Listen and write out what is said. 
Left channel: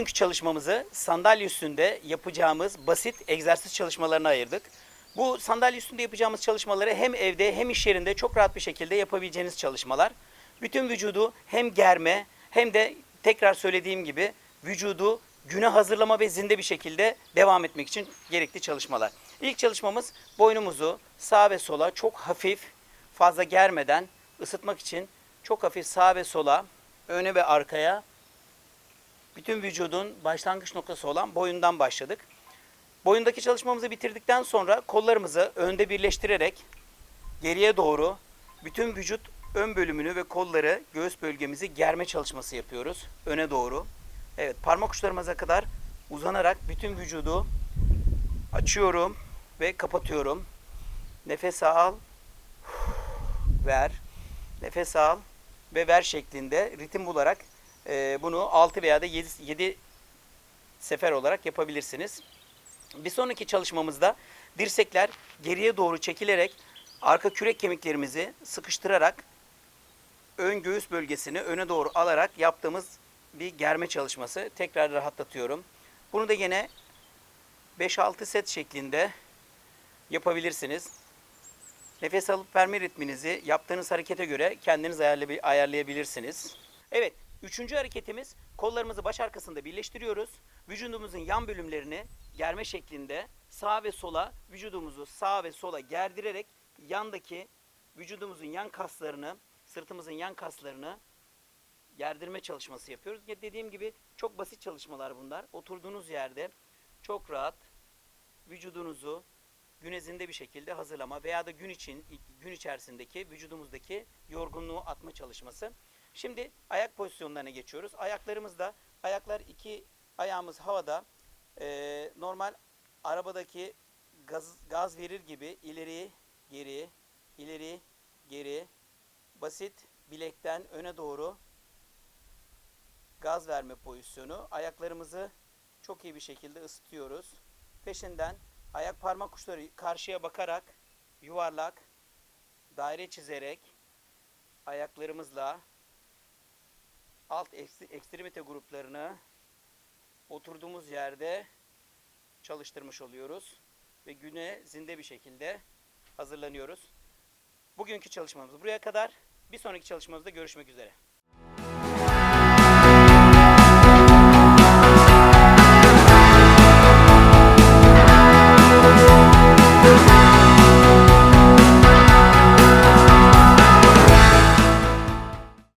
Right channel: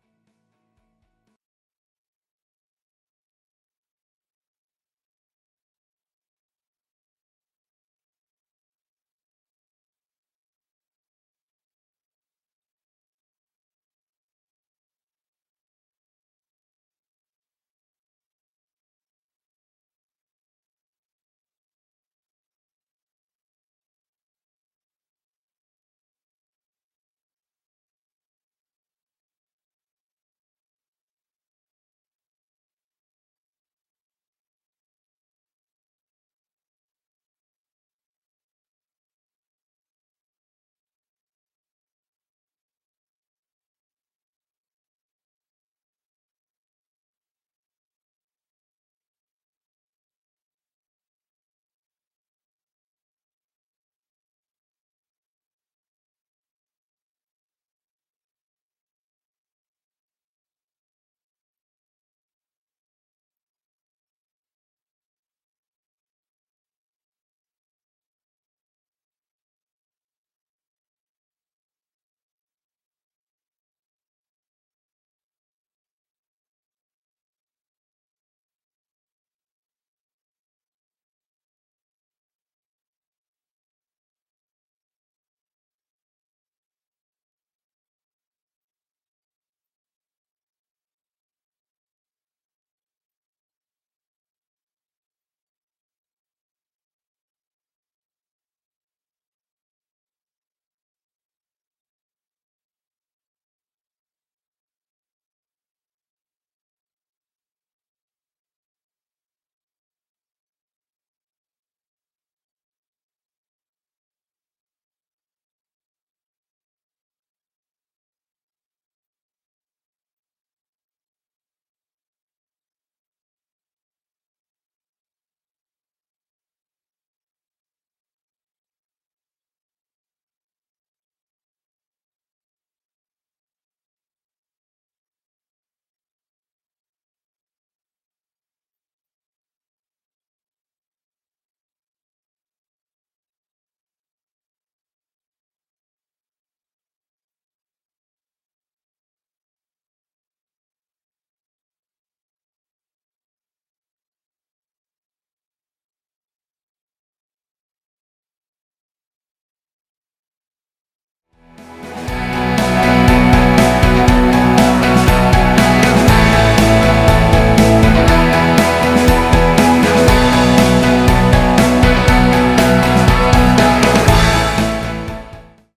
Bugünkü çalışmamızı sandalye üstünde yapacağımız basit egzersiz çalışmalarına ayırdık. Bu sandalye üstünde yapacağımız çalışmaları hem evde hem iş yerinde çok rahat bir şekilde yapabileceğiniz çalışmalar. Bütün vücudu hem germe hem de tekrar söylediğim gibi vücudu güne hazırlama ve zinde bir şekilde devam etmek için gerekli çalışmalar. İlk çalışmamız boynumuzu sağa ve sola çok hafif fazla germeden ısıtmak için çok hafif sağa ve sola öne ve arkaya bütün vücudun başlangıç noktası olan boyundan başladık. Boyundaki çalışmamızı bitirdikten sonra kollarımızı önde birleştirerek geriye doğru bütün vücut ön bölümünü ve kolları göğüs bölgemizi germe çalışması yapıyoruz. Öne doğru. Evet parmak uçlarımıza kadar uzanarak bütün vücudu açıyorum ve kapatıyorum. Nefes al, ver. Nefes al ve ver şeklinde ritim bularak e, bunu 6 veya da 7, 7 sefer olarak yapabilirsiniz. Bir sonraki çalışmamızda dirsekler geriye doğru çekilerek arka kürek kemiklerimizi sıkıştırarak ön göğüs bölgesini öne doğru alarak yaptığımız bir germe çalışması. Tekrar rahatlatıyorum. Bunu da yine 5-6 set şeklinde yapabilirsiniz. Nefes alıp verme ritminizi yaptığınız harekete göre kendiniz ayarlay- ayarlayabilirsiniz. Evet, üçüncü hareketimiz kollarımızı baş arkasında birleştiriyoruz. Vücudumuzun yan bölümlerini germe şeklinde sağa ve sola vücudumuzu sağa ve sola gerdirerek yandaki vücudumuzun yan kaslarını, sırtımızın yan kaslarını gerdirme çalışması yapıyoruz. Ya Dediğim gibi çok basit çalışmalar bunlar. Oturduğunuz yerde çok rahat vücudunuzu günezinde bir şekilde hazırlama veya da gün için gün içerisindeki vücudumuzdaki yorgunluğu atma çalışması. Şimdi ayak pozisyonlarına geçiyoruz. Ayaklarımızda ayaklar iki ayağımız havada Ee, normal arabadaki gaz, gaz verir gibi ileri geri ileri geri basit bilekten öne doğru gaz verme pozisyonu. Ayaklarımızı çok iyi bir şekilde ısıtıyoruz. Peşinden ayak parmak uçları karşıya bakarak yuvarlak daire çizerek ayaklarımızla alt ekst- ekstremite gruplarını oturduğumuz yerde çalıştırmış oluyoruz ve güne zinde bir şekilde hazırlanıyoruz. Bugünkü çalışmamız buraya kadar. Bir sonraki çalışmamızda görüşmek üzere.